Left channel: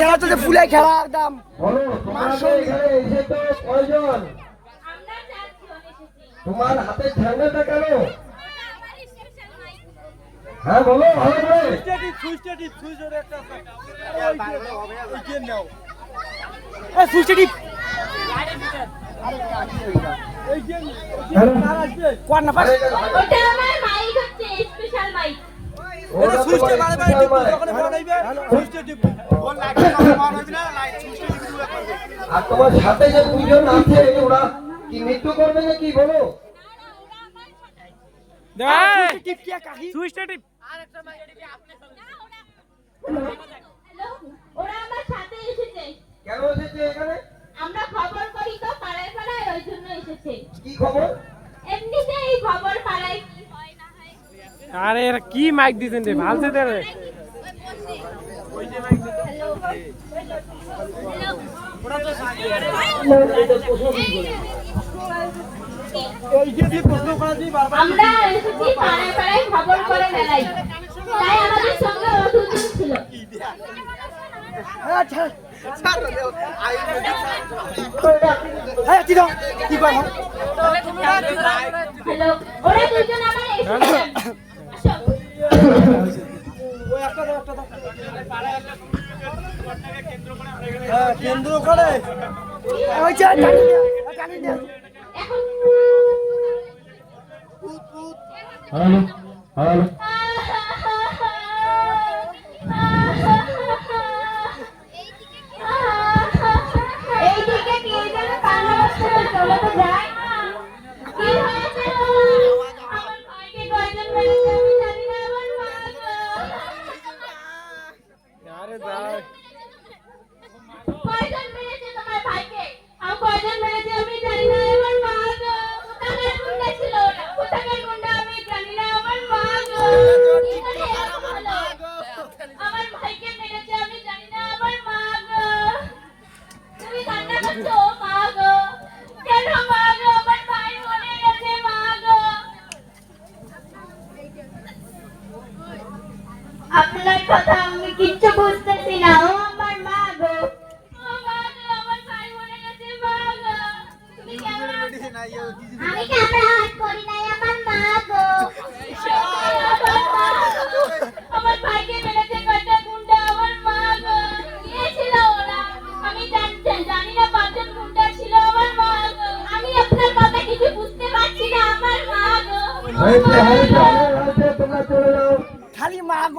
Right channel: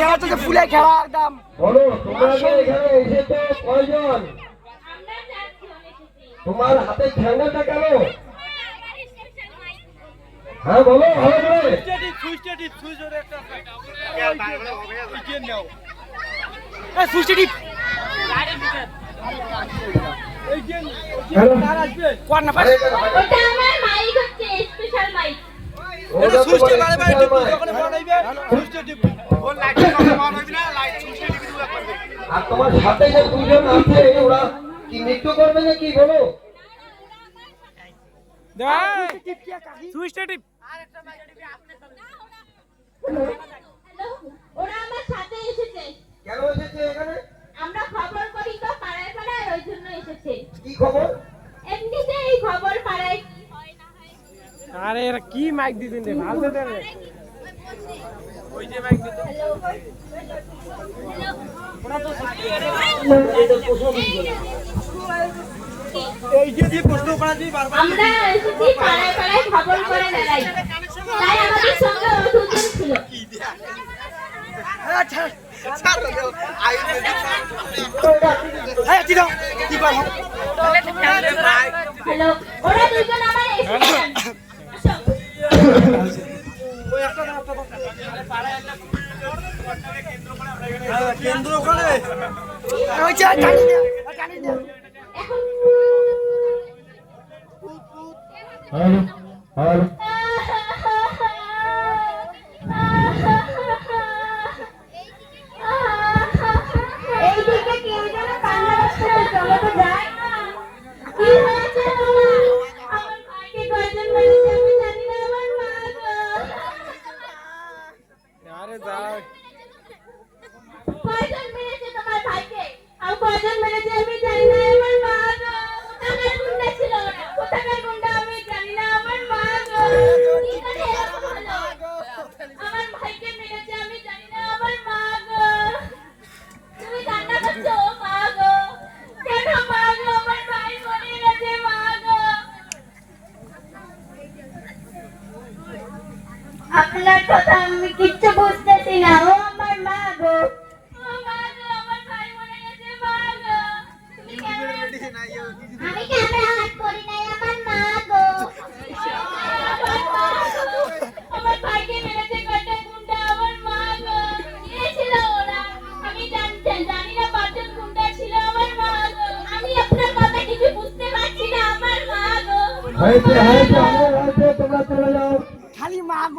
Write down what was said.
খেলা তো ফুলে খেলা একদম। বলো তোমরা এখানে এসে তো কয়জন? তোমার হাতে ঠ্যাঙ্গাটা কেন? হ্যাঁ বলো ভালো করে। আর তোমার সাথে যে দুজন আছে ওরা কি নৃত্য করবে নাকি বলো? ওরা আমার সাথে এসেছে। কেন এসেছে এখানে? আমরা খবর করি তো পাড়ায় পাড়ায়, ওই জন্য এসেছে। কি খবর? এমনিতে এই খবর পাড়ায় কি হয় না হয়। আরে এরা কি মাইক দিছেন রে ভালছে দে রে। ওই যে মাইক দিতে হ্যালো এই যে দিয়ে প্রশ্ন করা যায় বারবার। আমরা এসেছি পাড়ায় পাড়ায় খবর করে বেড়াই, তাই আমাদের সঙ্গে অসুজন ছিল। আচ্ছা এই দিও কি কর। হ্যালো, ওরা দুজন আমার এসেছেন। আসো। ওই একটা কেন্দ্র করে ওই যে টানি দে টানি দে। এখন হ্যালো হ্যালো এইদিকে কে যেন কান্না করছে, চলো তো যাই। কি হয়েছে আমার ভাইকে কয়জন মেরেছে আমি জানি না, আমার মা গো। আরে যাও কয়জন মেরেছে তোমার ভাইকে? আর কয়জন মেরেছে আমি জানি না, আমার মা গো। কোথাকার গুন্ডা ছিল ওরা? কোথাকার গুন্ডা আমি জানি না, আমার মা গো। কি করে এরকম হলো? আমার ভাইকে মেরেছে আমি জানি না, আমার মা গো। তুমি কান্না করছো মা গো? কেন মা গো? আমার ভাই মরে গেছে মা গো। আপনার কথা আমি কিচ্ছু বুঝতেছি না, ও আমার মা গো। ও মা গো, আমার ভাই মরে গেছে মা গো। তুমি কেমন আছো? আমি ক্যামেরা হাত করি নাই, আমার মা গো। আমার মা গো। আমার ভাইকে মেরেছে কয়টা গুন্ডা, আমার মা গো। কে ছিল ওরা? আমি জানি না, পাঁচজন গুন্ডা ছিল, আমার মা গো। আমি আপনার কথা কিছু বুঝতে পারছি না, আমার মা গো। হয়েছে হয়েছে তোমরা চলে যাও। খালি মা